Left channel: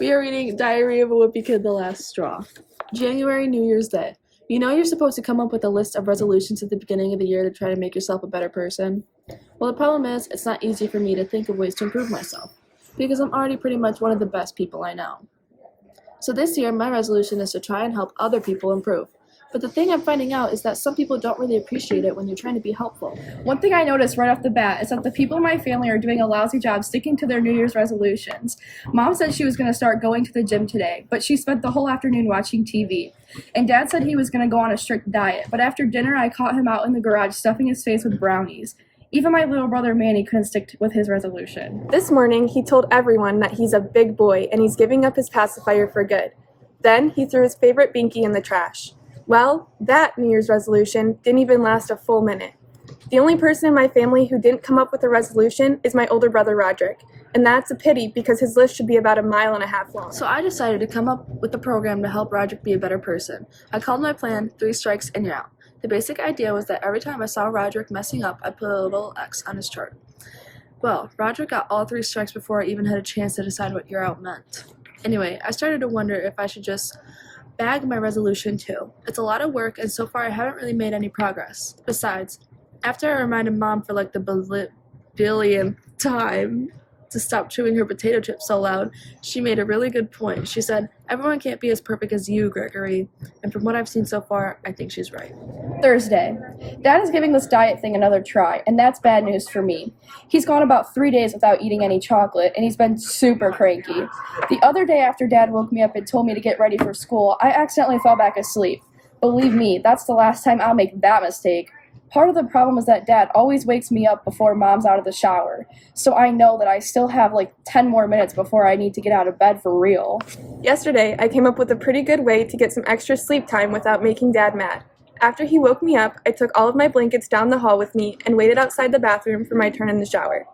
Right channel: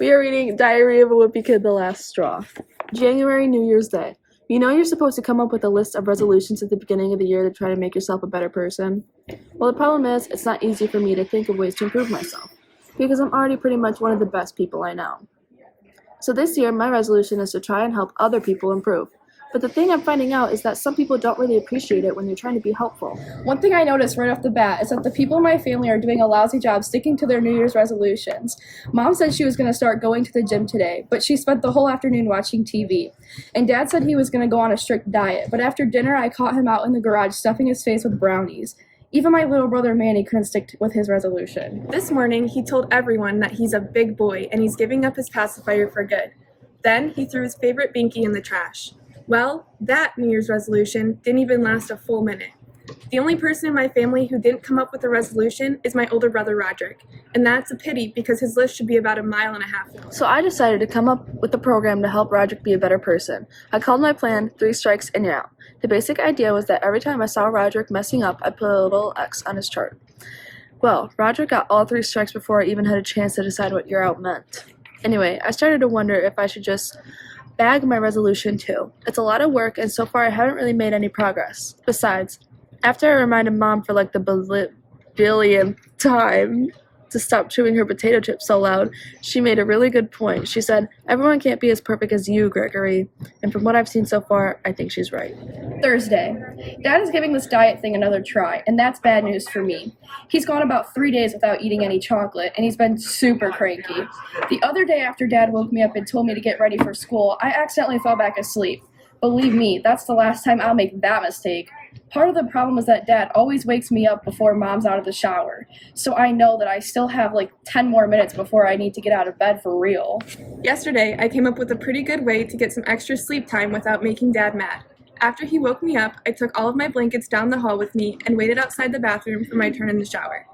We are reading Diary of a Wimpy Kid, The Last Straw. January, New Year's Day. You know you're supposed to come up with a list of resolutions at the beginning of the year to try to make yourself a better person? Well, the problem is, it's not easy for me to think of ways to improve myself, because I'm already pretty much one of the best people I know. So this year, my resolution is to try and help other people improve. But the thing I'm finding out is that some people don't really appreciate it when you're trying to be helpful. One thing I noticed right off the bat is that the people in my family are doing a lousy job sticking to their New Year's resolutions. Mom said she was going to start going to the gym today, but she spent the whole afternoon watching TV. And Dad said he was going to go on a strict diet, but after dinner I caught him out in the garage stuffing his face with brownies. Even my little brother Manny couldn't stick with his resolution. This morning, he told everyone that he's a big boy and he's giving up his pacifier for good. Then he threw his favorite binky in the trash. Well, that New Year's resolution didn't even last a full minute. The only person in my family who didn't come up with a resolution is my older brother Roderick, and that's a pity because his list should be about 1.5 miles long. So I decided to come up with a program to help Roderick be a better person. I called my plan 3 Strikes and You're Out. The basic idea was that every time I saw Roderick messing up, I'd put a little X on his chart. Well, Roderick got all 3 strikes before I even had a chance to decide what You're Out meant. Anyway, I started to wonder if I should just bag my resolution too. It's a lot of work, and so far I haven't really made any progress. Besides, after I reminded Mom for like the billionth time to stop chewing her potato chips so loud, she made a really good point. She said, "Everyone can't be as perfect as you, Gregory." And from what I've seen so far, I think she's right. Thursday. Dad is giving this diet thing another try, and that's bad news for me. He's gone about 3 days without eating any chocolate, and he's been super cranky. The other day after Dad woke me up and told me to get ready for school, I accidentally fell back asleep. Believe me, that's the last time I'll make that mistake. Part of the problem is that Dad always wakes me up before Mom's out of the shower, so I know that I still have like 10 more minutes before I need to get out of bed for real. Yesterday, I came up with a pretty good way to get some extra sleep time without making Dad mad. After he woke me up, I took all of my blankets down the hall with me and waited outside the bathroom for my turn in the shower.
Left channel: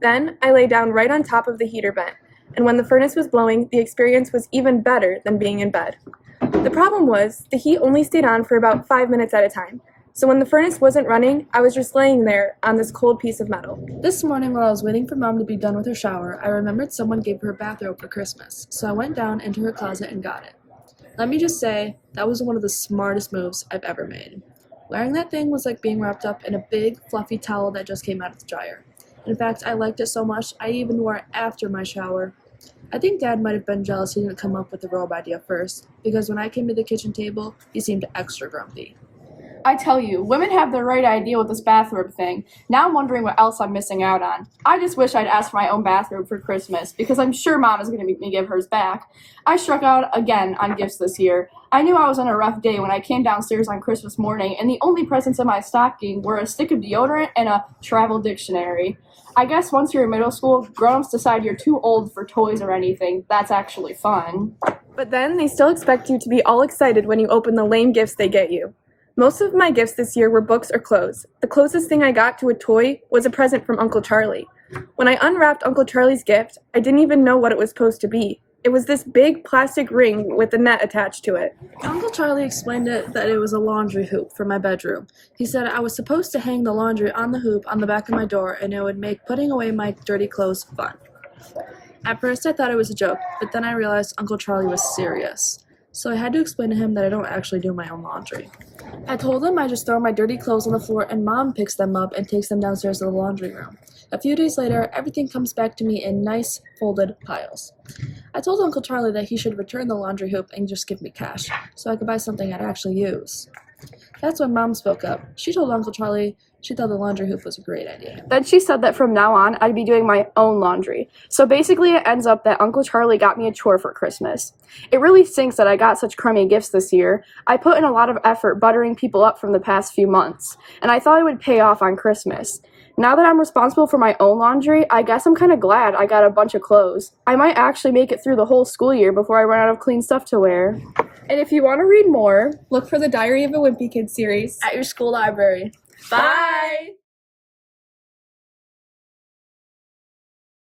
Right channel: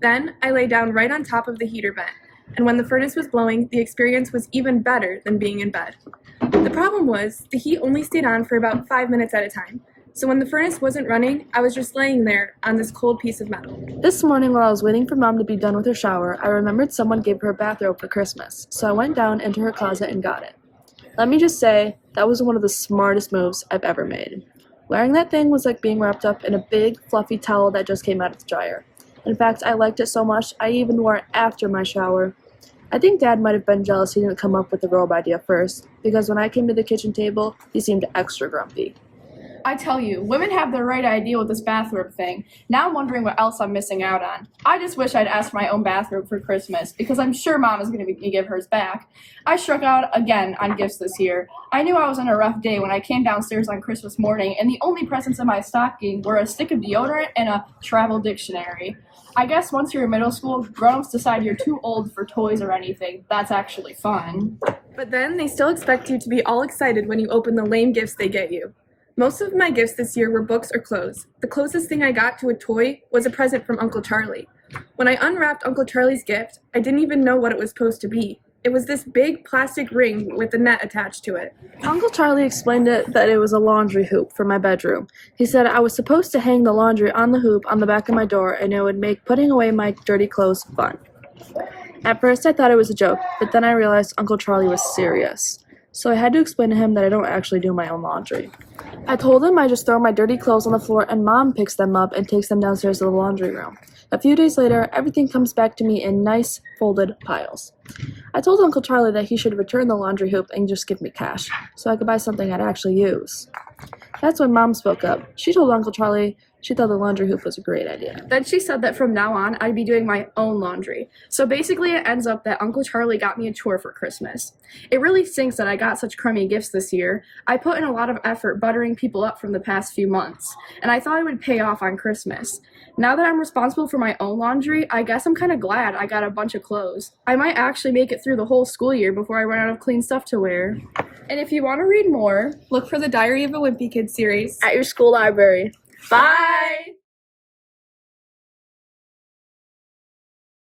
Then, I lay down right on top of the heater vent, and when the furnace was blowing, the experience was even better than being in bed. The problem was, the heat only stayed on for about 5 minutes at a time. So when the furnace wasn't running, I was just laying there on this cold piece of metal. This morning while I was waiting for Mom to be done with her shower, I remembered someone gave her a bathrobe for Christmas, so I went down into her closet and got it. Let me just say, that was one of the smartest moves I've ever made. Wearing that thing was like being wrapped up in a big, fluffy towel that just came out of the dryer. In fact, I liked it so much, I even wore it after my shower. I think Dad might have been jealous he didn't come up with the robe idea first, because when I came to the kitchen table, he seemed extra grumpy. I tell you, women have the right idea with this bathrobe thing. Now I'm wondering what else I'm missing out on. I just wish I'd asked for my own bathrobe for Christmas, because I'm sure Mom is going to make me give hers back. I struck out again on gifts this year. I knew I was on a rough day when I came downstairs on Christmas morning, and the only presents in my stocking were a stick of deodorant and a travel dictionary. I guess once you're in middle school, grown-ups decide you're too old for toys or anything. That's actually fun. But then they still expect you to be all excited when you open the lame gifts they get you. Most of my gifts this year were books or clothes. The closest thing I got to a toy was a present from Uncle Charlie. When I unwrapped Uncle Charlie's gift, I didn't even know what it was supposed to be. It was this big plastic ring with a net attached to it. Uncle Charlie explained that it was a laundry hoop for my bedroom. He said I was supposed to hang the laundry on the hoop on the back of my door, and it would make putting away my dirty clothes fun. At first I thought it was a joke, but then I realized Uncle Charlie was serious. So I had to explain to him that I don't actually do my own laundry. I told him I just throw my dirty clothes on the floor and Mom picks them up and takes them downstairs to the laundry room. A few days later, everything comes back to me in nice, folded piles. I told Uncle Charlie that he should return the laundry hoop and just give me cash, so I could buy something I'd actually use. That's when Mom spoke up. She told Uncle Charlie she thought the laundry hoop was a great idea. Then she said that from now on, I'd be doing my own laundry. So basically it ends up that Uncle Charlie got me a chore for Christmas. It really stinks that I got such crummy gifts this year. I put in a lot of effort buttering people up from the past few months, and I thought it would pay off on Christmas. Now that I'm responsible for my own laundry, I guess I'm kind of glad I got a bunch of clothes. I might actually make it through the whole school year before I run out of clean stuff to wear. And if you want to read more, look for the Diary of a Wimpy Kid series At your school library. Bye!